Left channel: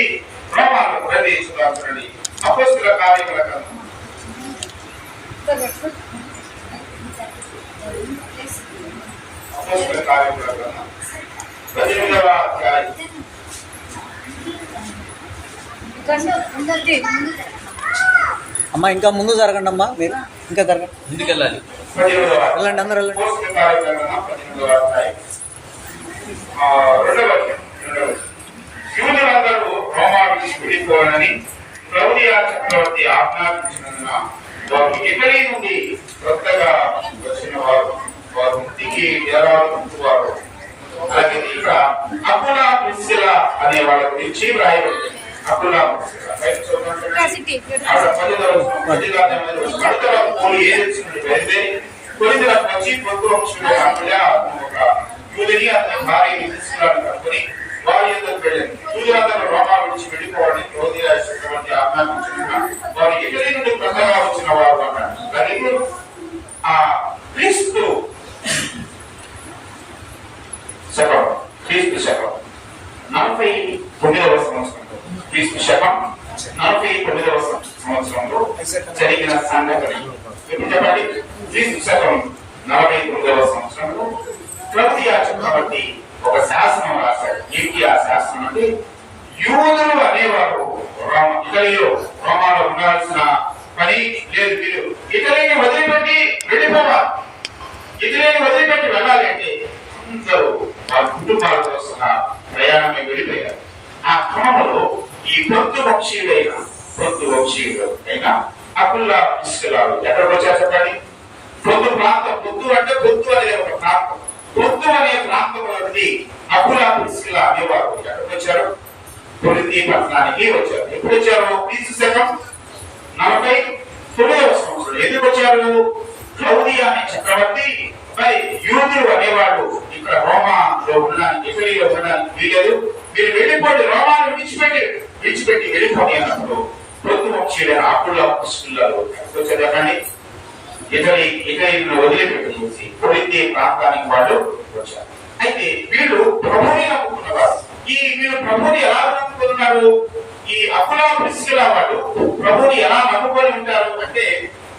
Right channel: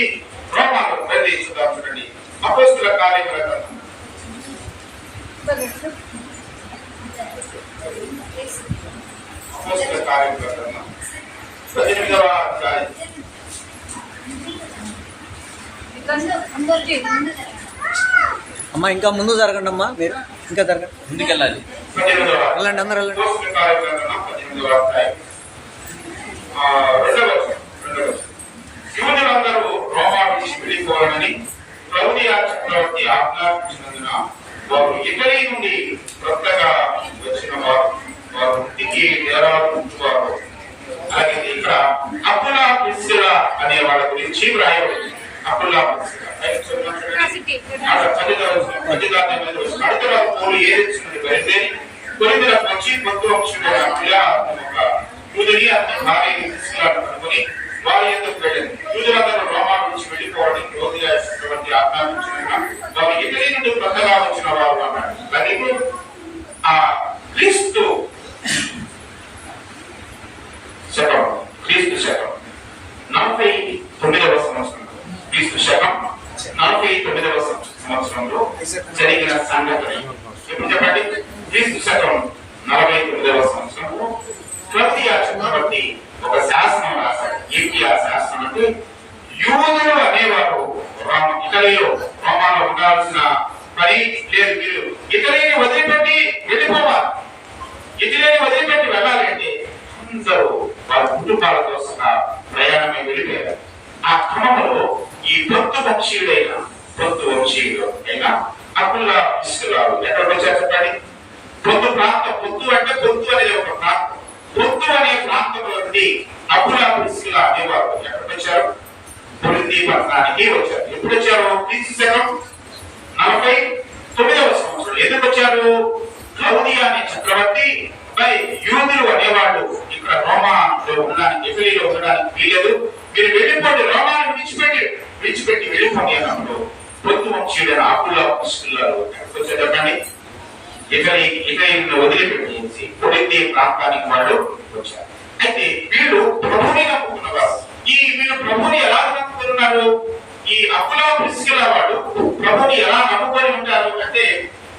నుండి రోమాలు ప్రవేశించుదాండి. అపోస్తుల కార్యముల గ్రంథం అపోస్తుల కార్యముల గ్రంథం 18వ అధ్యాయం. అమ్మా ఇంకా ముందు జరగండి అమ్మా, మీరు ఇంకా జరగండి, ముందుకు వెళ్ళాలి. వెళ్ళండి అందరూ వెళ్ళండి. అపోస్తుల కార్యముల గ్రంథం 18వ అధ్యాయం 2వ వచనం. యూదులందరూ రోమా విడిచి వెళ్ళిపోవాలని క్లౌదియా చక్రవర్తి ఆజ్ఞాపించినందున వారు ఇటలీ నుండి కొత్తగా వచ్చిన వారు ఇంటికి డేరాలు ఉంచువారు. అలాగే ఇక్కడ అకులా ప్రిస్కిల్లా అనే వాళ్ళ గురించి వ్రాయబడింది. అకులా ప్రిస్కిల్లా వారి ఎందుకు వెళ్ళింది. యూదులందరూ రోమా నుంచి వెళ్ళిపోవడానికి క్లౌదియా చక్రవర్తి ఆజ్ఞాపించిన వారు ఇటలీ నుండి కొత్తగా వచ్చిన వారు అన్నాడు. అలాగే ఆ క్రీస్తు శకం 49వ సంవత్సరంలో క్రీస్తు 49వ సంవత్సరంలో జరిగిన సంఘటన ఎప్పుడు చెప్పండి. క్రీస్తు 49వ సంవత్సరంలో క్లౌదియా చక్రవర్తి ఒక శాసనం రాశాడు. ఏంటి ఆ శాసనం అంటే, యూదులు అనేవారు ఇటలీలో రోమాలో ఉండాల్సిన పని లేదు. మీరు ఇటలీని వదిలిపెట్టి వెళ్ళిపోవాలి. ఇటలీని వదిలిపెట్టి వెళ్ళాలి అంటే అందరూ వారి కుటుంబాలతో సహా ప్రయాణమే వెళ్ళిపోయారు. ఆ క్రమంలో ఈ పొత్తు వంశీయుడైన అకులా ప్రిస్కిల్లా ఎక్కడికి వచ్చారు చెప్పండి. పొత్తు ప్రాంతం, పొత్తు అంటే పొత్తు అనేది ఒక ప్రాంతం. పొత్తు అనే ప్రాంతంలో నుండి అకులా ప్రిస్కిల్లా అనేవారు ఎక్కడికి వచ్చారు? కొరింథీ పట్టణానికి వచ్చారు. ఎప్పుడు వచ్చారు? క్రీస్తు శకం 49వ సంవత్సరం. ఎందుకు వచ్చారు? క్లౌదియా అనే చక్రవర్తి యూదులు అనేవాళ్ళు ఇక్కడ రోమాలో ఉండడానికి, ఇటలీలో ఉండడానికి వీలేదు, మీరు వెళ్ళిపోండి, రోమాను విడిచిపెట్టి వెళ్ళిపోండి అన్నప్పుడు పొత్తు వంశీయుడైన అకులా ప్రిస్కిల్లాలు ఎక్కడికి వచ్చారు చెప్పండి. ఇటలీని వదిలిపెట్టేసి కొరింథీ ప్రాంతానికి వాళ్ళు వచ్చారు. అయితే వీళ్ళు ప్రభుని నమ్ముకున్నవారు. వీళ్ళు ప్రభుని ఎలా నమ్ముకున్నారు? ఈ అకులా ప్రిస్కిల్లా వాళ్ళు ప్రభుని ఎలా నమ్ముకొని ఉంటారు అంటే,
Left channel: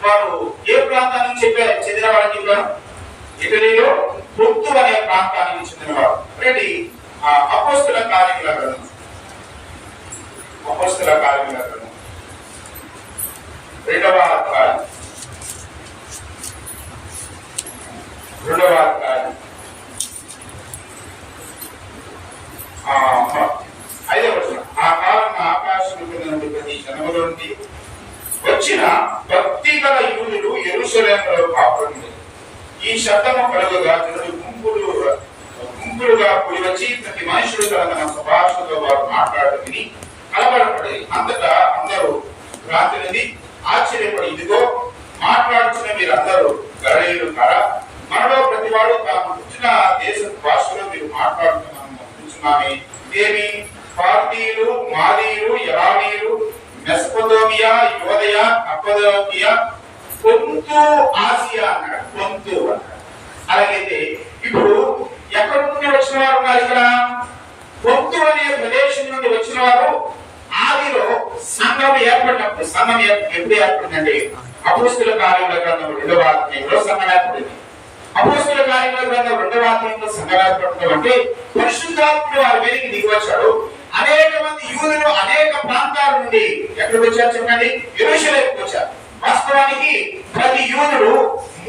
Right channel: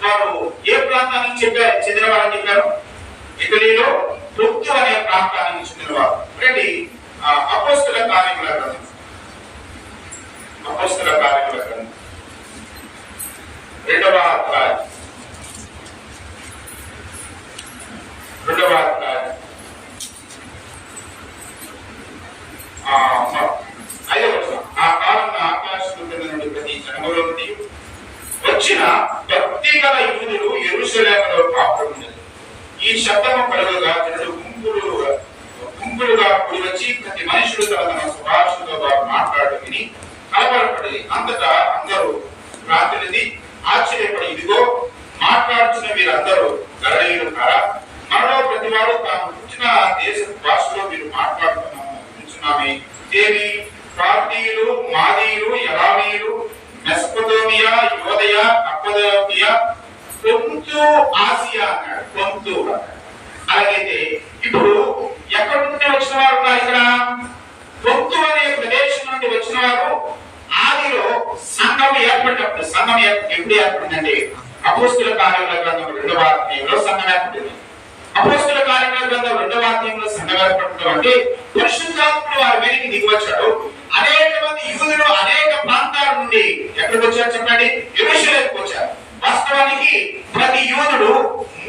వారు ఏ ప్రాంతానికి చెందిన వాళ్ళని చెప్పారు? ఇటలీలో పొత్తు అనే ప్రాంతానికి చెందినవారు. రండి అపోస్తుల కార్యముల గ్రంథం 2వ అధ్యాయం 5వ వచనం. ఆ కాలంలో ఆకాశం కింద నుండి ప్రతి జనములో నుండి వచ్చిన భక్తి గల యూదులు యెరూషలేములో కాపురముండెదరు. ఈ శబ్దము కలుగగా జనులు గుంపులుగా కూడి వచ్చి ప్రతి మనుషుడు తన స్వభాషతో వారు మాట్లాడటం విని కలవరపడి అంతటా అందరూ రాత్రిది ఆశ్చర్యపడి, ఇదిగో మాట్లాడుతున్న మీరందరూ గలిలయులు కారా? మనలో ప్రతి వాడు తాము పుట్టిన దేశ భాషలో మీరు మాట్లాడుతున్నామే. ఇదేమి? పార్టీయులు, మాదీయులు, ఎలామీయులు, మెసొపొతేమియా, యూదయ, కప్పదోకియా, పొంతు, ఆసియా అన్నాడు. పొంతు అన్నాడు. అలాగైతే ఇప్పుడు ఎక్కడి నుండి వచ్చిన వారు ఉన్నారు ఇక్కడ? పొంతు అనే ప్రదేశం నుండి వచ్చిన వారు. ఆదిలో సంఘం ఏర్పడినప్పుడు, సంఘం ఎప్పుడు ఏర్పడిందంటే అపోస్తుల కార్యముల గ్రంథం 2వ అధ్యాయంలో సంఘం ఏర్పడింది. అపోస్తుల కార్యముల గ్రంథం 2వ అధ్యాయంలో సంఘం ఏర్పడటం అంటే పరిశుద్ధాత్ముడు వారి మీదకి దిగివచ్చాడు. అనేక మంది యూదులు అనేక ప్రాంతాల నుండి ఎక్కడికి వచ్చారు చెప్పండి? యెరూషలేముకు వచ్చారు. వాస్తవానికి ప్రతి యూదుడు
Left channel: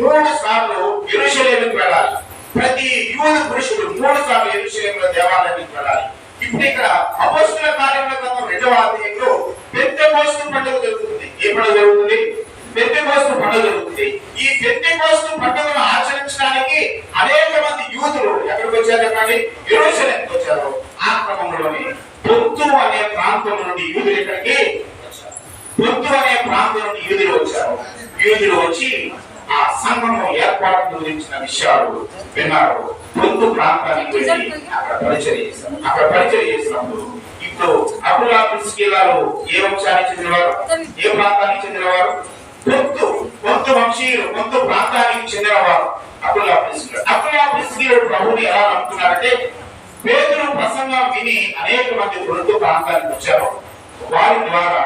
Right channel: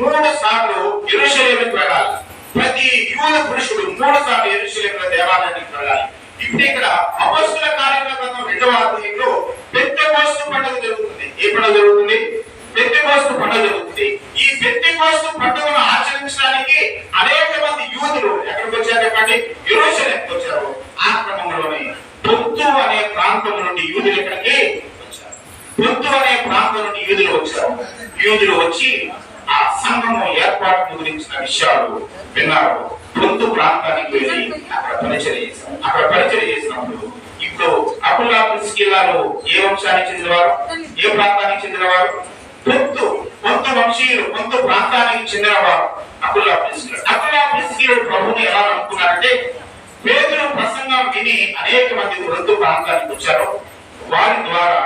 3 సార్లు యెరూషలేముకు వెళ్ళాలి. ప్రతి యూదు పురుషుడు 3 సార్లు యెరూషలేములో దేవాలయానికి వెళ్ళాలి. ఇప్పుడు ఇక్కడ అపోస్తుల కార్యముల గ్రంథం 2వ అధ్యాయంలో పెంతెకోస్తు పండుగ జరుగుతుంది. ఏ పండుగ జరుగుతుంది? పెంతెకోస్తు పండుగ జరుగుతుంది. ఈ పెంతెకోస్తు పండుగను ఆచరించడానికి అనేక మంది యూదులు ఎక్కడికి వచ్చారు చెప్పండి? యెరూషలేముకు వచ్చారు. ఆ క్రమంలోనే పొంతు అనే ప్రాంతం నుండి యూదులు ఇక్కడికి వచ్చారు. పొంతు అనే ప్రాంతం నుండి యూదులు వచ్చారు. యూదులు వచ్చి ఆ సంఘము ఏర్పాటు గురించిన విషయాలు విన్నారు. పొంతు ప్రాంతానికి వెళ్ళి అక్కడ పరిచయం చేసినప్పుడు ఇప్పుడు అకులా ప్రిస్కిల్లాలు ఏ వంశానికి చెందినవారు? ఏ ప్రాంతానికి చెందినవారు? పొంతు వంశీయులు, పొంతు ప్రాంతానికి చెందినవారు అకులా ప్రిస్కిల్లా. ప్రభుని ఎలా నమ్ముకున్నారంటే, పేతురు ప్రసంగం విని అనేక మంది కొరింథు ప్రాంతానికి వచ్చారు. వారి ద్వారా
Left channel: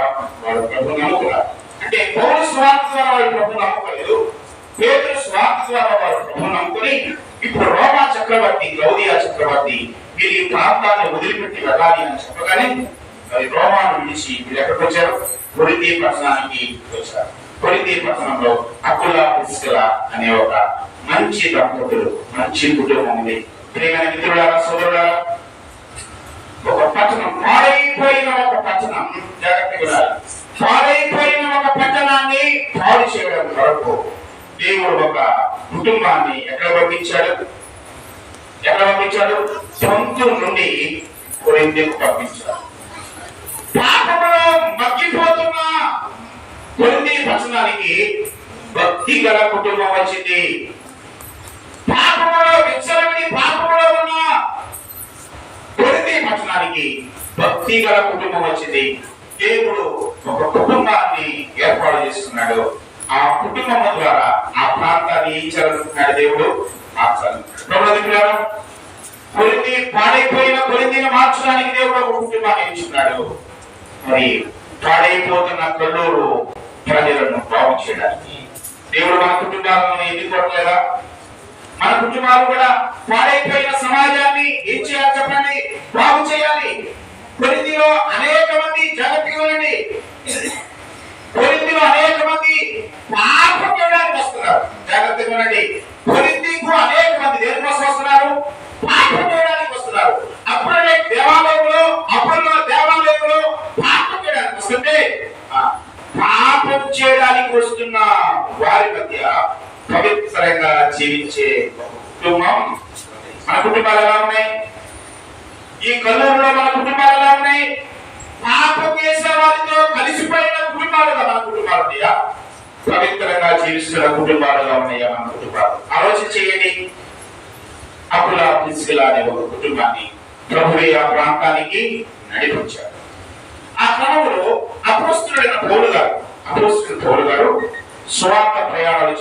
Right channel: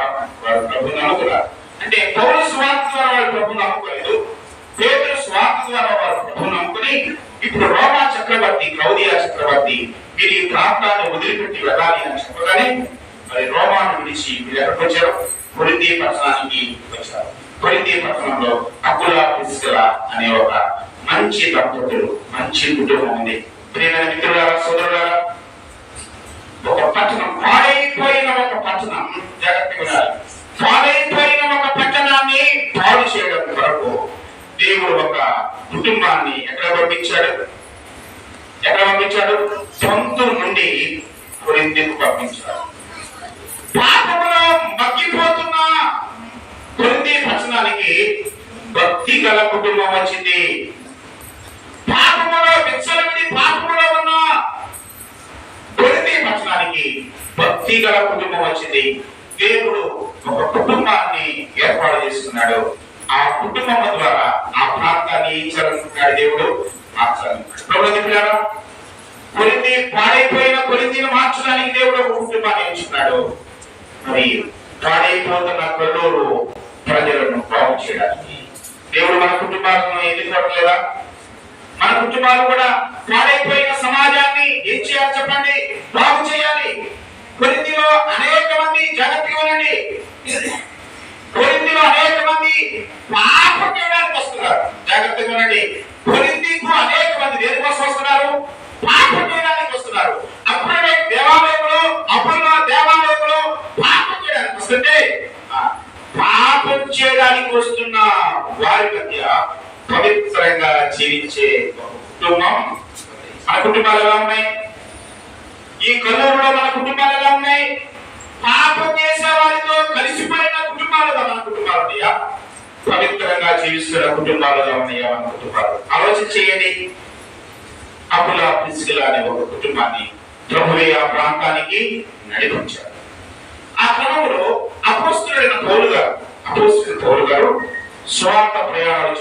వారు ప్రభువుని నమ్ముకున్నారు. అంటే పౌలు స్వార్థ ద్వారా వారు ప్రభువుని నమ్ముకోలేదు. పేతురు స్వార్థ ద్వారా వారు ప్రభువుని నమ్ముకుని ఇప్పుడు రోమా చక్రవర్తి క్లౌదియా చక్రవర్తి వీరి ఈ ప్రాంతాన్ని వదిలిపెట్టి వెళ్ళాలి అని చెప్పగానే మరి రోమాను విడిచి వీళ్ళు ఎక్కడికి వచ్చారు? కొరింథీ పట్టణానికి వచ్చారు. కొరింథీ పట్టణంలో అకుల ప్రిస్కిల అనే ఒక మంచి దంపతులు, మంచి కుటుంబం ఉంది. ప్రియమైన మిత్రులారా, సోదరులారా, ఒక పట్టణం, పాడైపోయిన ఒక పట్టణం, జాగ్రత్తగా వినాలి. పాడైపోయిన ఒక పట్టణాన్ని పాడు చేయడం కొరకు దేవుడు ఒక కుటుంబాన్ని ఎక్కడ పంపించాడు? సొంత నుండి కొరింథీకు పంపించాడు. పాపములో మగ్గిపోతున్న కొరింథీ పట్టణానికి భక్తి గల కుటుంబం వచ్చింది. పాపములో విచ్చలవిడి పాపములో ఉన్న కొరింథీ పట్టణానికి భక్తి గల కుటుంబం వచ్చింది. దేవుడు ఒక కుటుంబాన్ని ఏర్పాటు చేసుకున్నాడు. ఆ కుటుంబం ద్వారా ఆ ప్రాంతాన్ని ఏం చేయాలనుకున్నాడు? దేవుడు మార్చాలనుకున్నాడు. కొరింథీ పాడైపోయిన కొరింథీని మార్చడానికి దేవుడు ఒక కుటుంబాన్ని ఎంచుకున్నాడు. మరి పాడైపోతున్న కొల్లూరు ప్రజలను బాగు చేయడానికి దేవుడు మన కుటుంబాలను ఎన్నుకోవట్లేదా? మన కుటుంబాలు కూడా పాడైపోయిన సమాజాన్ని ఏం చేయాలి చెప్పండి? బాగు చేయాలి. కొరింథీలో అనేక మంది, జాగ్రత్తగా ఉండండి, కొరింథీలో అనేక మంది పాపం చేయడానికి వస్తున్నారు. జాగ్రత్తగా ఉండండి. కొరింథీకు అనేక మంది దేనికోసం వస్తున్నారు? పాపం చేయడానికి వస్తున్నారు. అప్పుడే దేవాలయంలో పాపం చేయడానికి వస్తుంటే పాపం చేయడానికి వస్తున్న వారి మధ్య పవిత్రంగా జీవించే కుటుంబం. మన కుటుంబాలు ఎలా ఉన్నాయి? ఈ కల్లూరులో మన కుటుంబాలు ఎలా ఉన్నాయి? పాపం చేసే వారితో కలిసిపోయిన కుటుంబాలుగా మన కుటుంబాలు ఉన్నాయా? పవిత్రంగా జీవిస్తున్న కుటుంబాలుగా ఉన్నాయా మన కుటుంబాలు? ఆలోచన చేయండి. అకుల ప్రిస్కిల అనే ఒక కుటుంబాన్ని ప్రభువే ఆ ప్రాంతానికి నడిపించాడు. ఆ క్రమంలో అపోస్తలుడైన పౌలు గారు స్వార్థ ప్రయాణాలు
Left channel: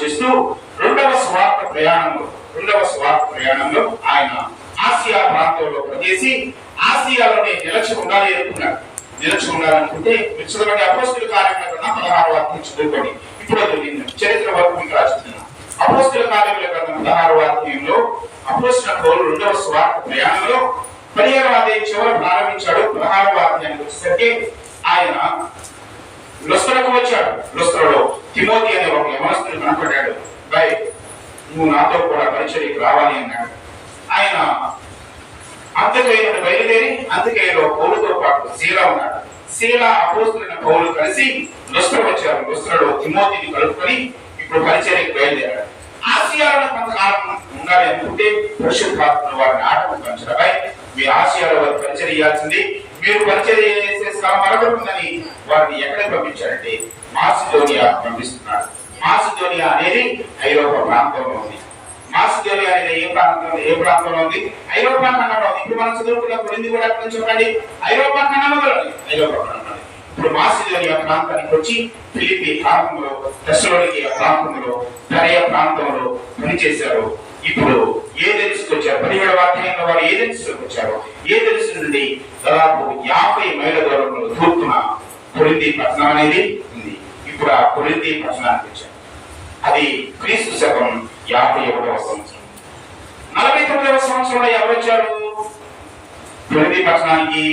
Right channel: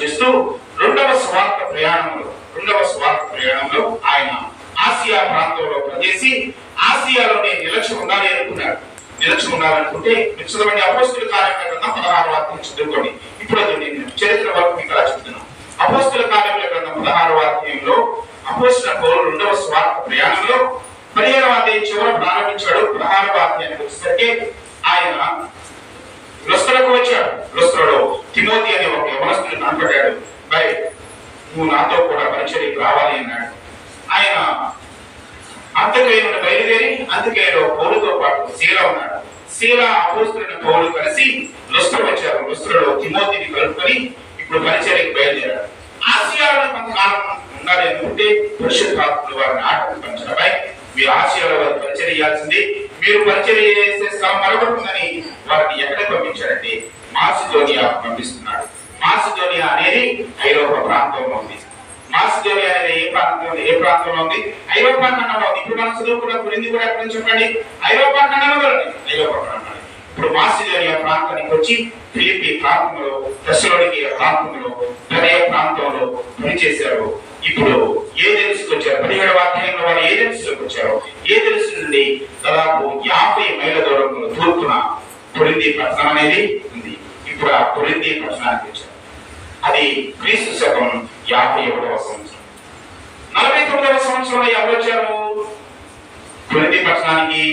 చేస్తూ రెండవ స్వార్థ ప్రయాణంలో ఆయన ఆసియా ప్రాంతంలో ప్రవేశి ఆసియాలోనే నిలచి ఉండాలనుకుంటే చదవండి. అపోస్తలుల కార్యముల గ్రంథం 16వ అధ్యాయం చదువుకోండి. ఇప్పుడు నేను చరిత్ర వరకు మీకు చెప్తున్నాను. అపోస్తలుల కార్యముల గ్రంథం 16వ అధ్యాయంలో అపోస్తలుడైన పౌలు రెండవ స్వార్థ ప్రయాణంలో 15వ అధ్యాయం చివరి ప్రారంభించాడు. 16వ అధ్యాయానికి వచ్చేసరికి ఆయన లుస్త్రకు వచ్చాడు. లుస్త్రలో తిమోతి అనే ఒక యవనస్తుడు కనపడ్డాడు. బై, నువ్వు నాతో కూడా పరిచర్యకు రావాలి అన్నాడు. ఆయన అంత్యకయ నుండి బయలుదేరి అంత్యకయలో పౌలుతో పాటు శీల ఉన్నాడు. శీల అపోస్తలుడైన పౌలు కలిసి లుస్త్ర వచ్చారు. లుస్త్రలో తిమోతిని కలుపుకొని ఇప్పుడు పరిచర్యకు బయలుదేరాడు. ఆసియాలో కొంతకాలం ఉండాలి అనుకుంటే పరిశుద్ధాత్ముడు వారిని ఆటంకించడపై మీరు ఆసియాలో వారు పరిచర్య చేయాల్సింది. మీరు పరిచర్య చేసే శ్రమ మరొకటి ఉందని వారిని ఎక్కడికి పంపించారంటే మాసిదోనియా పంపిస్తున్నాడు. మాసిదోనియా అనేది ఐరోపా ప్రాంతంలో ఉంది. మాసిదోనియా అనేది ఏ ప్రాంతంలో ఉంది? ఐరోపా ఖండంలో ఉంది. ఇప్పుడు మనం చదువుకున్న కొరింథీ కూడా ఎక్కడ నుంచి చెప్పండి? ఐరోపా ఖండంలో ఐరోపా ఖండంలో. ఇప్పుడు మాసిదోనియా ప్రాంతానికి వచ్చి ఫిలిప్పీ ప్రాంతంలో, తెస్సలోనికయ ప్రాంతంలో, బెరయ ప్రాంతంలో పనిచేశారు. ఇప్పుడు ఏథెన్స్కి వచ్చారు. 17వ అధ్యాయంలో వారు ఏథెన్స్కి వచ్చారు. ఏథెన్స్ నుండి దాదాపు 50 మైళ్ళ దూరంలో తూర్పున కొరింథీ పట్టణం అనేది ఉంది. ఇప్పుడు ఆ కొరింథీ పట్టణానికి వచ్చారు. అది క్రీస్తు శకం 51వ సంవత్సరం. 49వ సంవత్సరంలో ఎవరు వచ్చారు కొరింథీ పట్టణానికి?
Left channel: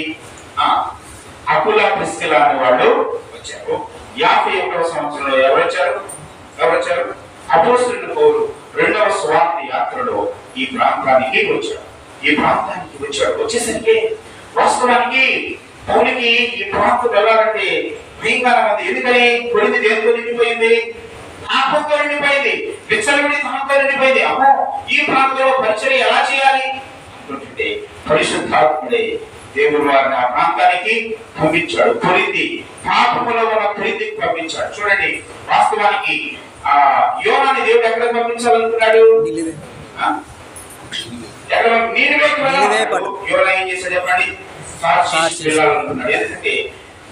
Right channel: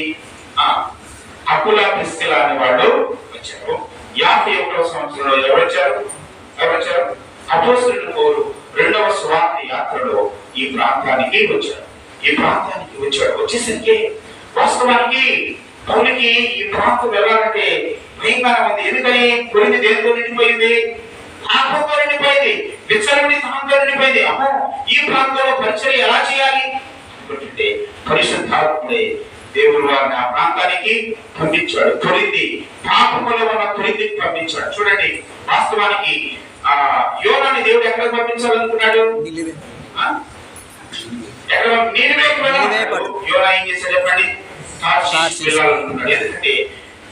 అకుల ప్రిస్కిల అనే వాళ్ళు వచ్చారు. 51వ సంవత్సరంలో ఎవరు వచ్చారు? అపోస్తలుడైన పౌలు రెండవ స్వార్థ యాత్రలో ఈ ప్రాంతానికి వచ్చాడు. వచ్చేసరికి వాస్తవానికి పౌలుకి ఈ ప్రాంతం వెళ్ళాలంటే భయంకరంగా ఉంది. ఎందుకని? కొరింథీ దేనితో నిండిపోయింది? పాపంతో నిండిపోయింది, విచ్చలవిడి తనంతో నిండిపోయింది. అమ్మో, ఈ ప్రాంతంలో పరిచర్య ఎలా చేయాలి అనుకుంటే పరిశుద్ధాత్ముడే దేవుడు వారిని ఆ ప్రాంతానికి పంపించాడు. కొరింథీ పాపములో ఉన్న కొరింథీకి పంపించాడు. చూడండి, వాస్తవానికి ఆ యోనాని దేవుడు ఎక్కడ పంపించాలనుకున్నాడు? యోనా ఏం చేశాడు చెప్పండి? తార్షీషు వెళ్ళాలనుకున్నాడు. ఎందుకంటే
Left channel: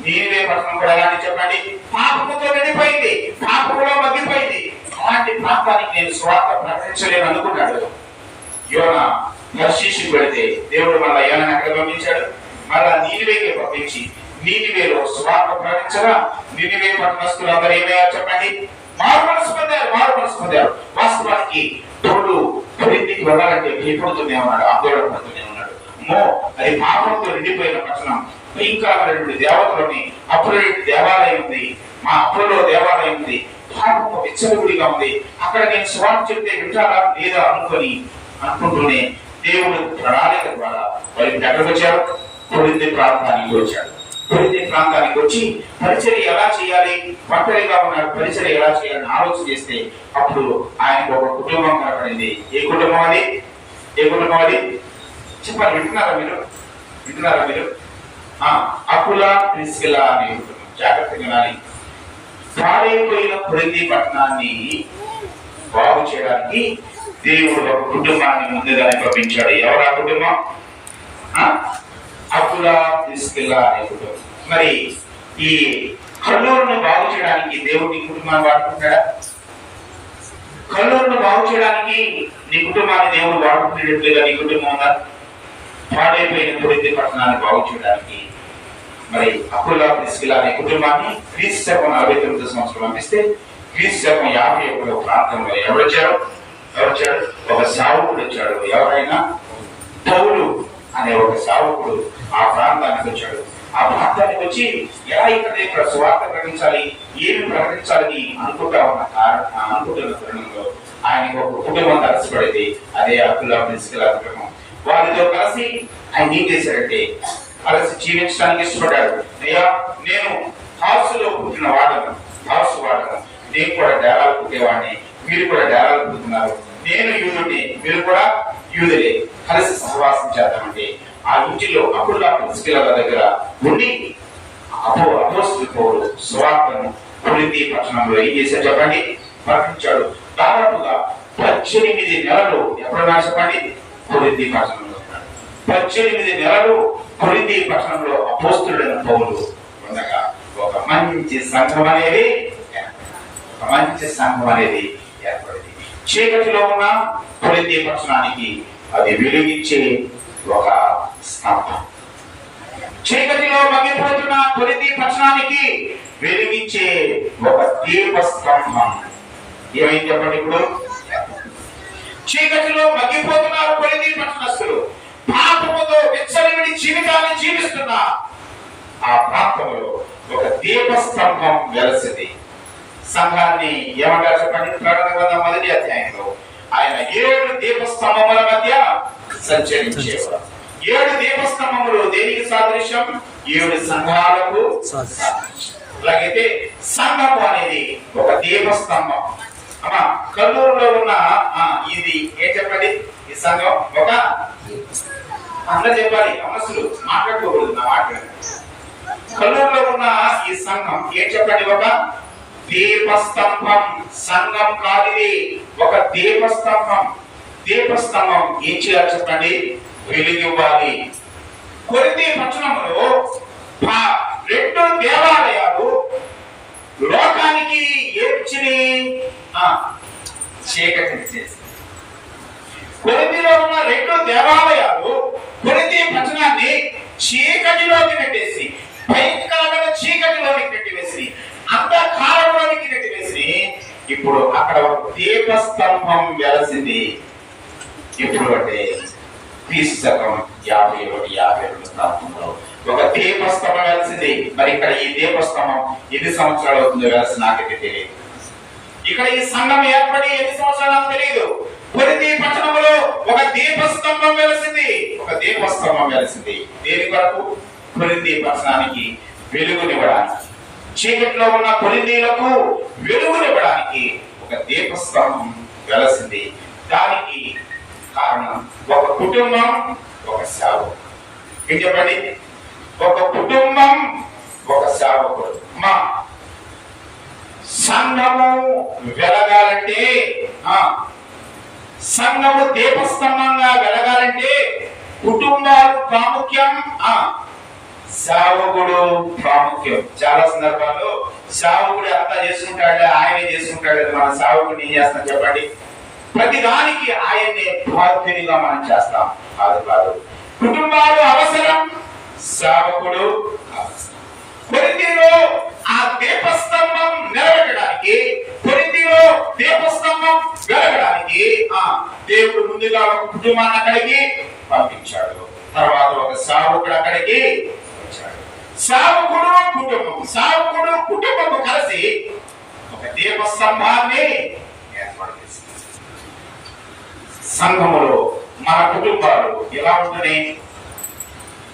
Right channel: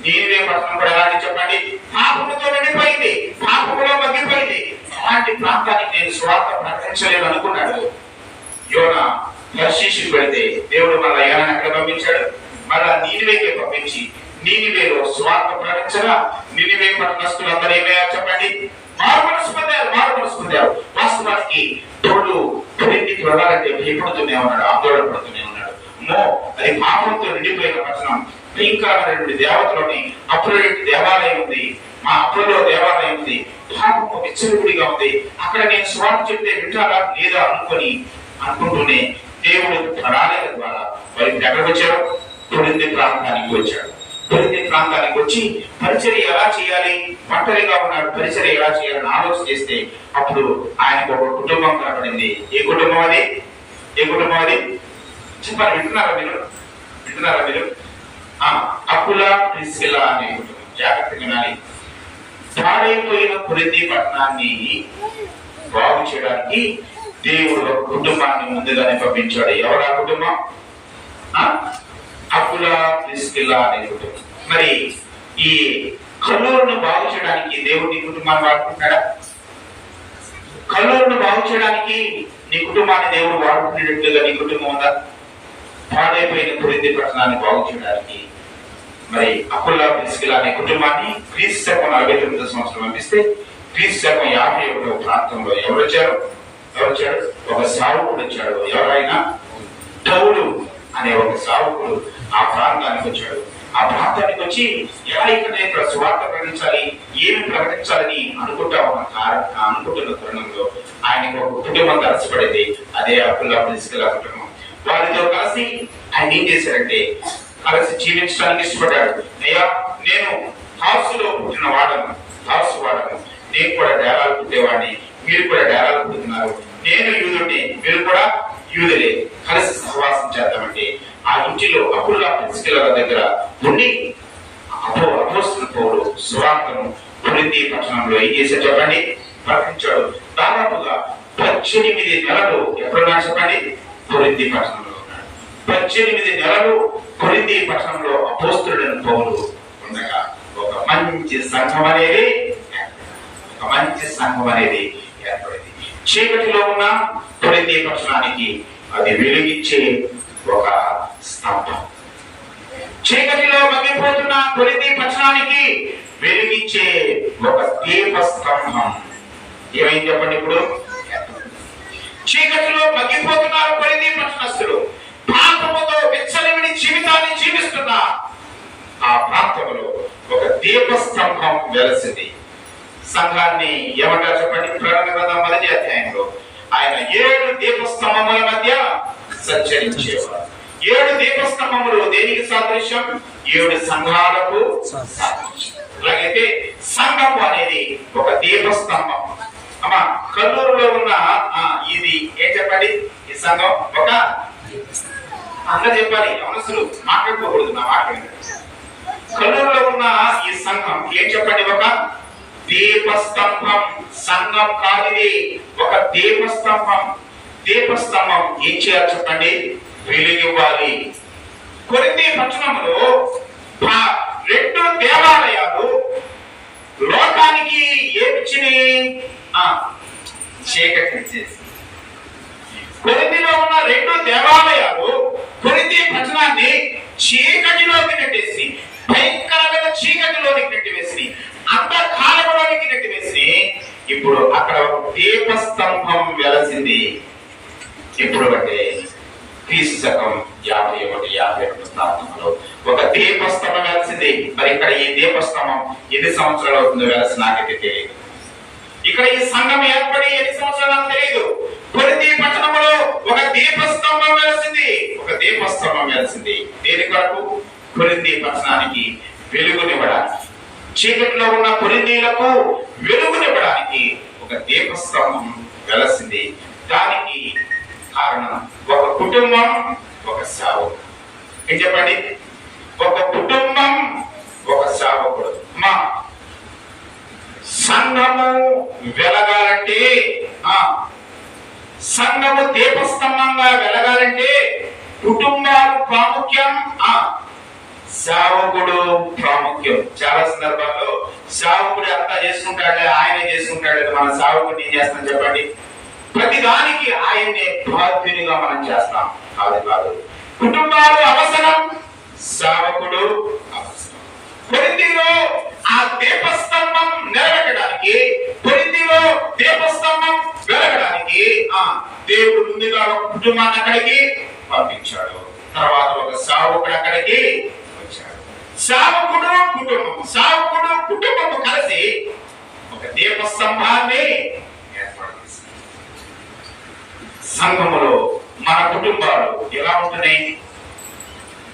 నీనివే పట్టణం కూడా ఎలాంటి చెప్పండి? పాపముతో నిండిపోయింది, పాపములో మగ్గిపోయింది. అలాంటి ప్రాంతానికి నేను స్వార్థ ప్రకటించలేను అనుకున్నాడు. యోనా తర్షీషు పెడితే దేవుడు మళ్ళా యోనాను ఎక్కడ పంపించాడు? మళ్ళా నీనివేకే పంపించి నీనివేలో సువార్త ప్రకటించగా నీనివే పట్టణస్తులందరూ ఏమయ్యారు చెప్పండి? మారు మనసు పొందారు. వాస్తవానికి తోడు కొరింథీకి వెళ్ళాలంటే భయపడుతూనే ఉన్నాడు, ఆందోళన పడుతూనే ఉన్నాడు. అది పాపంతో నిండిపోయిన పట్టణం, భయంకరమైనటువంటి దేవతలోని అపోలో దేవాలయం ఉంది, మా అపోలో దేవాలయం ఉంది, పాపము విచ్చలవిడిగా ఉంది. అక్కడ నేను సువార్త చెప్తే వింటారా లేదా అనుకుంటూనే దేవుడు ప్రణాళిక ద్వారా వారికి ఎక్కడికి వచ్చారు? కొరింథీ ప్రాంతానికి వచ్చాడు. కొరింథీ ప్రాంతానికి వచ్చి పరిచర్య ఎలా చేయాలి, ఒంటరిగా ఉన్నాడు, పరిచర్య ఎలా చేయాలని ఆలోచన చేస్తే అప్పుడు ఆయనకు ఒక కుటుంబం కనపడింది. ఏ కుటుంబం అది? చెప్పాలి. వింటున్నారా మీరు? అకులా ప్రిస్కిల్లా అనే కుటుంబం. జాగ్రత్తగా వినాలి. పాడైపోయిన కొరింథీ పట్టణాన్ని బాగు చేయడానికి దేవుడు ఒక కుటుంబాన్ని ముందుగానే పంపించాడు. ఎవరు ఆ కుటుంబం? అకులా ప్రిస్కిల్లా అనే కుటుంబం. మరి ఈ కల్లూరును బాగు చేయడానికి దేవుడు నీ కుటుంబాన్ని వాడుకుంటాడా? కల్లూరును బాగు చేయడానికి నీ కుటుంబాన్ని దేవుడు వాడుకునేటట్లుగా నీ కుటుంబం ఉందా? పాడైపోయిన కొరింథీ పట్టణాన్ని బాగు చేయడానికి మరి అకులా ప్రిస్కిల్లా అనే కుటుంబాన్ని క్రీస్తు శకం 49వ సంవత్సరం పంపిస్తే క్రీస్తు శకం 51వ ప్రాంతంలో ఎవరొచ్చాడు? ఒక సావుకుడు వచ్చాడు. ఎవరైనా? పౌలు అనే ఒక సావుకుడు ఆ ప్రాంతానికి వచ్చాడు. ఆ ప్రాంతానికి వచ్చి ఎలా ఇక్కడ సువార్త ప్రకటించాలి, ఏమి ప్రకటించాలని అనుకుంటున్న తరుణంలో ఆయనకు ఒక కుటుంబం కలిసిపడింది. అదే అకులా ప్రిస్కిల్లా కుటుంబం. వారితో కలిసి ఆయన ఏం చేశారంటే కలిసి జీవించడానికి ఇష్టపడ్డాడు. అయ్యా, నేను హార్సులో పుట్టిన వాడను, నేను కూడా డేరాలు పుట్టేవాడిని, మీరు కూడా డేరాలు పుట్టుతున్నారు. నేను యూదుడిని, మీరు కూడా యూదులే, కలిసి సహవాసం చేద్దామంటే ఆ ఇంటిలో అకులా ప్రిస్కిల్లా దగ్గర ఉండి అపోస్తలుడైన పౌలు సువార్తను కొరింథీ పట్టణంలో ఏం చేశారు చెప్పండి? ప్రకటించాడు. దాదాపుగా 18 నెలలు ఎప్పుడున్నా చెప్పండి? కొరింథీ పట్టణంలో ఉన్నాడు. 18 నెలలు కొరింథీ పట్టణంలో అపోస్తలుడైన పౌలు ఉండగా ఒక మంచి సంఘం అనేది ఏర్పడింది. చీకటిలో ఉన్న కొరింథీ పట్టణానికి అది వెలుగిచ్చే ఒక స్తంభం. చీకటిలో మగ్గిపోతున్న కొరింథీ పట్టణానికి వెలుగిచ్చే ఒక దీప స్తంభం. ఏమైంది చెప్పండి? ఇప్పుడు చీకటిలో మగ్గిపోతున్నారు కొరింథీ పట్టణస్థులు. పాపముతో విచ్చలవిడి జీవితాన్ని జీవిస్తున్న ఆ ప్రాంతంలో ఒక దీపస్తంభం వెలసింది. సంఘాన్ని ఏమంటారు చెప్పండి? ప్రకటన గ్రంథం 1వ అధ్యాయంలో ఆయన 7 దీపస్తంభముల మధ్య సంచరించేవారు. 7 దీపస్తంభములు దేనికి సాదృశ్యం? 7 సంఘాలకు సాదృశ్యం. అలాగైతే సంఘము అనేది ఒక దీపస్తంభం. అమ్మా, కల్లూరులో ఉన్న ఇది ఏం చెప్పండి? ఈ సంఘం ఒక అందరూ చెప్పాలి, అవనస్తులు మాట్లాడుకోకూడదు, నా మాట్లాడండి. కల్లూరులో ఉన్న ఈ సంఘం ఏం చెప్పండి? ఒక దీపస్తంభం. సంఘం కాదిది, ఒక దీపస్తంభం. దీపస్తంభం ఏం చేయాలి చెప్పండి? వెలుగివ్వాలి. కొరింథీ పట్టణంలో 2 దేవాలయాలు లోకానికి ఏమిచ్చినాయి? చీకటిచ్చేసి. కొరింథీలో ఉన్న 2 దేవాలయాలు కొరింథీ పట్టణాన్ని చీకటిలోకి నెట్టేసి, భయంకరమైన చీకటిలోకి నెట్టివేసి, అంధకారంలోకి నెట్టివేసి, ఇప్పుడు అక్కడ ఒక దీపస్తంభం వెలసింది. ఇప్పుడు అంటే క్రీస్తు శకం 51-52 ప్రాంతంలో ఒక దీపస్తంభం వెలిసింది. మరి ఇక్కడ ఈ దీపస్తంభం ఎన్ని సంవత్సరాలు అవుతుందో వెలసి నాకైతే తెలియదు. ఇక్కడ ఈ సంఘం ఏర్పడి ఎన్ని సంవత్సరాలు నాకు తెలియదు. కొరింథీ పట్టణంలో ఒక దీపస్తంభం వెలిసింది. దేని కొరకు? కొరింథీ పట్టణానికి వెలుగునివ్వడానికి, చీకటిలో ఉన్న కొరింథీలకు వెలుగునివ్వడానికి ఒక దీపస్తంభం వెలసింది. దానికి కారణం ఒక కుటుంబం, ఒక సేవకుడు. ఏం చెప్పండి? ఒక కుటుంబం, ఒక సేవకుడు. మా సంఘము వెలగాలంటే, సంఘము దీపస్తంభంగా వెలగాలంటే కుటుంబాలు ప్రాముఖ్యం, సేవకుడు ప్రాముఖ్యం. చాలా సందర్భాల్లో సేవకుడు అంతా చేసుకుంటాడే, ఆయన చేసుకుంటాడు, మన సేవకుడు ఏం చేస్తాం చెప్పండి? ప్రతి దానికి ఆయన్నే బాధ్యునిగా మనం చేస్తాం. కాదు, కుటుంబాలు అవసరం, సేవకుడు అవసరం. కొరింథీలో ఆ దీపస్తంభం నిలబెట్టడానికి, కొరింథీలో దీపస్తంభం వెలగడానికి దేవుడు ముందుగా ఒక కుటుంబాన్ని అక్కడికి పంపించాడు. తర్వాత ఒక సేవకుడు అక్కడికి వచ్చాడు. సేవకుడు కుటుంబము కలిసి ఒక దీపస్తంభాన్ని ఏర్పాటు చేశారు. సంఘములో మన కుటుంబాలు ఎలా ఉంటున్నాయి?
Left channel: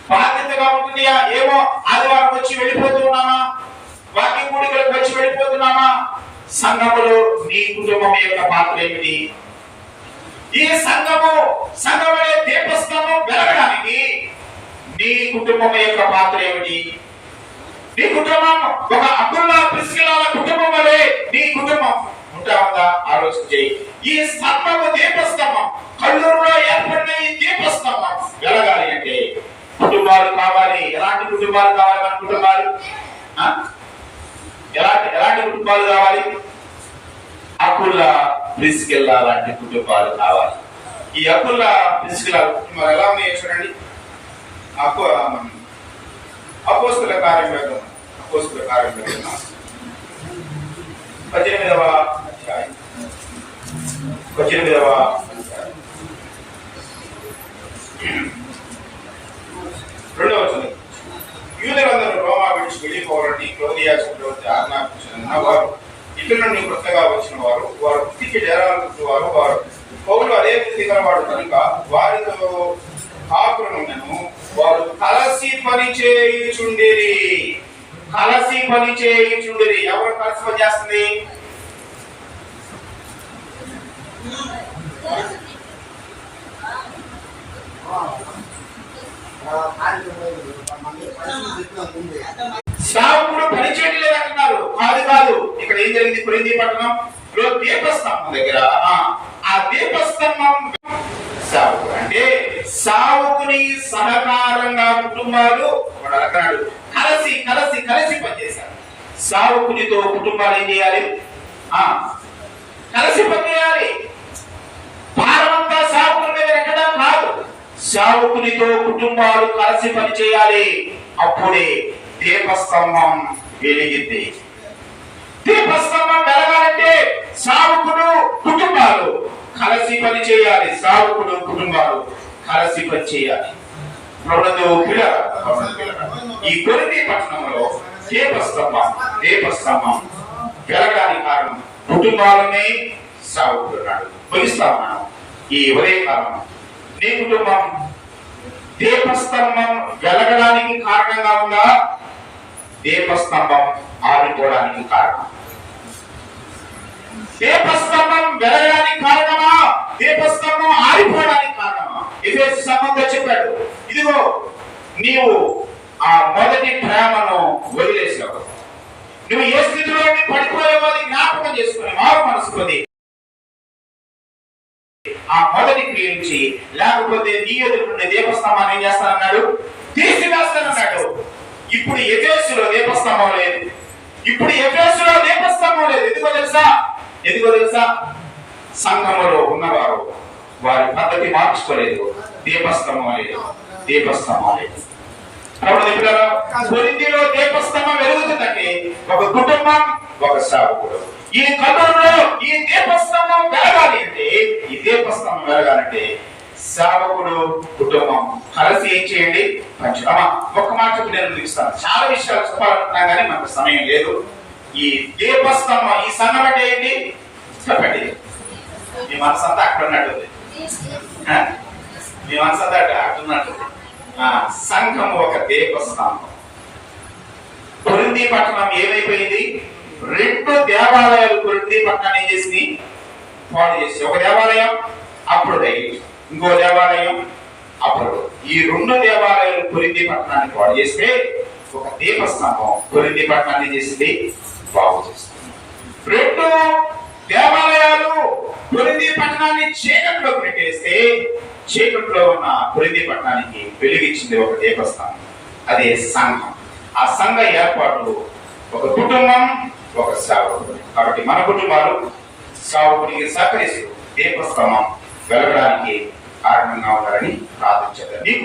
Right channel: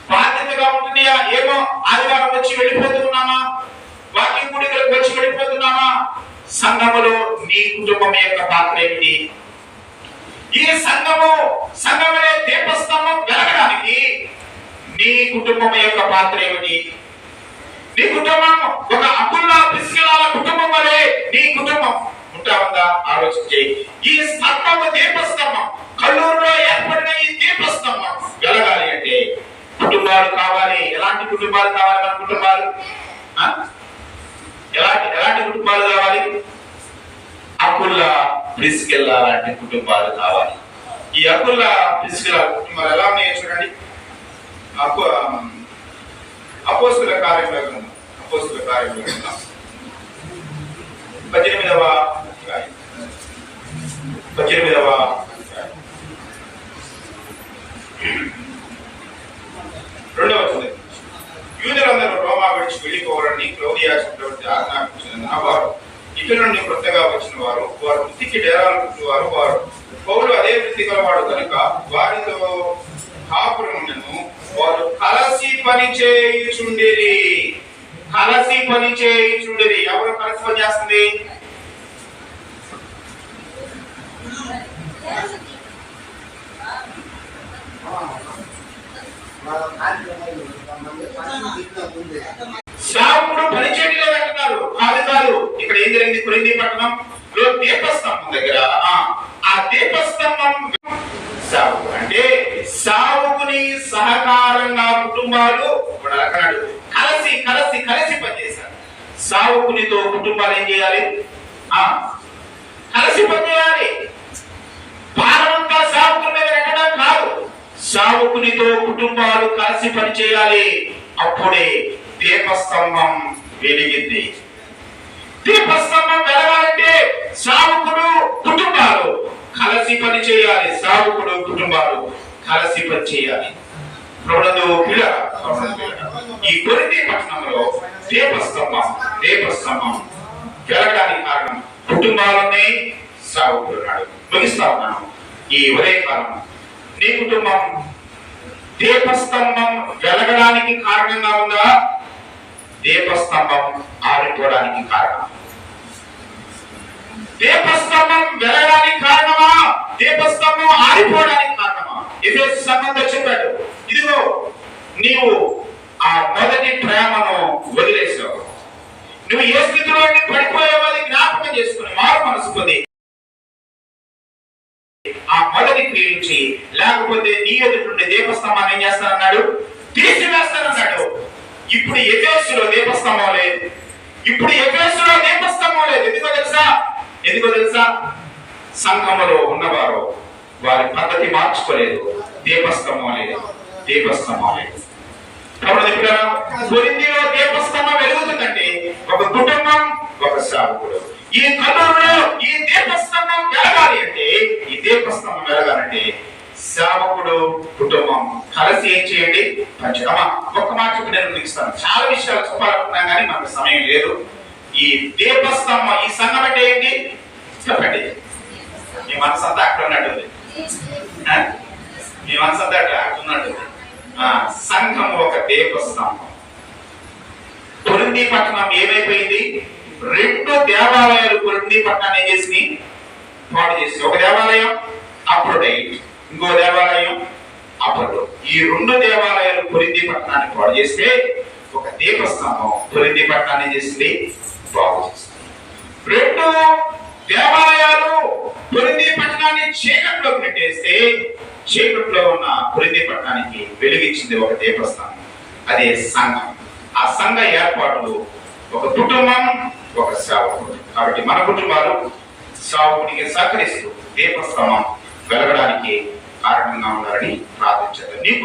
బాధ్యతగా ఉంటున్నాయా? ఏమో ఆదివారం వచ్చి వెళ్ళిపోతున్నామా, వాక్య కూడికలకు వచ్చి వెళ్ళిపోతున్నామా? సంఘములో నీ కుటుంబం యొక్క పాత్ర ఏమిటి? ఈ సంఘమే దీపస్తంభం వెలగడానికి నీ కుటుంబం యొక్క పాత్ర ఏమిటి? నీ కుటుంబం ఒక అకుల్లా ప్రిస్కిల్లాల కుటుంబం వలె నీ కుటుంబం ఉంటావుగా ఆలోచించే. ఈ స్తంభము దీపస్తంభం, కల్లూరులో ఏర్పడిన ఈ దీపస్తంభం వెలగాలి అంటే కుటుంబాలు కావాలి. ఎలాంటి కుటుంబాలు కావాలి? మన కుటుంబాలు ఎలాంటి కుటుంబాలు కావాలి? అకుల్లా ప్రిస్కిల్లా లాంటి కుటుంబాలు కావాలి. ఈ అకుల్లా ప్రిస్కిల్లా కుటుంబాలు ఎలా ఉన్నాయో చూడండి. అపోస్తుల కార్యముల 18వ అధ్యాయం 2వ వచనం. యూదులందరూ రోమా విడిచి వెళ్ళిపోవాలని క్లౌదియా చక్రవర్తి ఆజ్ఞాపించిన వారు ఇక్కడి నుండి కొత్తగా వచ్చిన వారు వృత్తికి డేరాలు పుట్టినవారు. వారు పౌలు అదే వృత్తి గలవాడు కనుక వారితో కాపురమును వారు కలిసి పని చేయుచుండిరి. ఎవరు కలిసి పని చేస్తుంది? సేవకుడు పని చేయట్లేదు అంటున్నారు. కాదు, ఇక్కడ ఏం జరిగింది? కొరింథీ పట్టణంలో దీపస్తంభం దగ్గర ఆ దీపస్తంభం సేవకుడు అంటే సేవకుని సహకారంగా కుటుంబాలు కలిసి పనిచేశారు. సేవకునితో కుటుంబాలు ఏం చేయాలి? కలిసి పనిచేయాలి. భారమంతా సేవకుని మీద పెట్టడం కాదు, సేవకునితో కుటుంబాలు కలిసి పనిచేయాలి. అప్పుడే దీపస్తంభం వెలిగింది. దీపస్తంభం వెలగాలంటే సేవకుడు కుటుంబాలు కలిసి పని చేయాలి. సేవకుడు కుటుంబాలు కలిసి పని చేయాలి. ఈ కొరింథీ పట్టణంలో దీపస్తంభం వెలగడానికి కారణం కుటుంబాలనే సేవకుడు నాడు. ముగిస్తా ఉన్నాను. ఈ ఉదయకాలం నీ కుటుంబం దీపస్తంభం వెలగడానికి కారణంగా ఉందా? దీపస్తంభం ఆరిపోవడానికి కారణం. దీపస్తంభం వెలగడానికి కారణమా? దీపస్తంభం ఆరిపోవడానికి కారణమా? ఎఫెసు సంఘంతో చెప్పాడు, ఇదిగో నీవు ఆ మొదటి ప్రేమను వదిలేసావు. నువ్వు ఏ స్థితిలో పడిపోయావో అది జ్ఞాపకం చేసుకుని మారు మనసు పొంది ఆ మొదటి క్రియ నుంచి, లేకపోతే నీ ఎదుటి దీపస్తంభాన్ని ఏం చేస్తానన్నాడు? తీసివేస్తానన్నాడు. ఇప్పుడు ఎఫెసులో దీపస్తంభం లేదు. ఎందుకో తెలుసా? సంఘములో ఉన్నవారు వారి పద్ధతి మార్చుకోలేదు. దీపస్తంభం లేదు. కొరింథీలో దీపస్తంభం వెలుగుతుందంటే ఒక కుటుంబం, ఒక సేవకుడు. ఈ కథలో ఈ దీపస్తంభం వెలగాలి అంటే, సేవకుడు కుటుంబం కలిసి ఏం చేయండి? పంచమా. ఒక్క మాట చెప్పి నేను ముగిస్తాను. చాలా విషయాలు చెప్పాలనుకున్నా కానీ మనకు సమయం లేదు. ఈ దీపస్తంభం, ఈ సంఘం అంటే ఏంటి చెప్పండి. మీ మనసు అంతా అక్కడ ఉన్నట్టుంది. సంఘం ఒక దీపస్తంభం. కొరింథీ పట్టణం ఏమైపోయింది? 2 దేవాలయాలు కొరింథీ పట్టణాన్ని ఏం చేసి పాడు చేసి, ఒక దేవాలయం అప్రోడైట్, ఇంకో దేవాలయం అప్పుడు. ఈ 2 దేవాలయాలు కొరింథీ పట్టణాన్ని పాడు చేస్తే ఒక దీపస్తంభం కొరింథీ పట్టణాన్ని చేసింది, బాగు చేసింది. 2 దేవాలయాలు కొరింథీ పట్టణాన్ని చీకట్లోకి నెట్టేస్తే చీకట్లో ఉన్న కొరింథీ పట్టణానికి వెలిగించింది ఒక దీపస్తంభం. అదే సంఘం. ఆ సంఘ ఏర్పాటు ఒక కుటుంబం, ఒక సేవకుడు. కాబట్టి మన కుటుంబాలు సేవకుడికి సహకరిస్తూ దీపస్తంభం వెలగడానికి కారణంగా ఉన్నారని ప్రార్థించారు. నీకు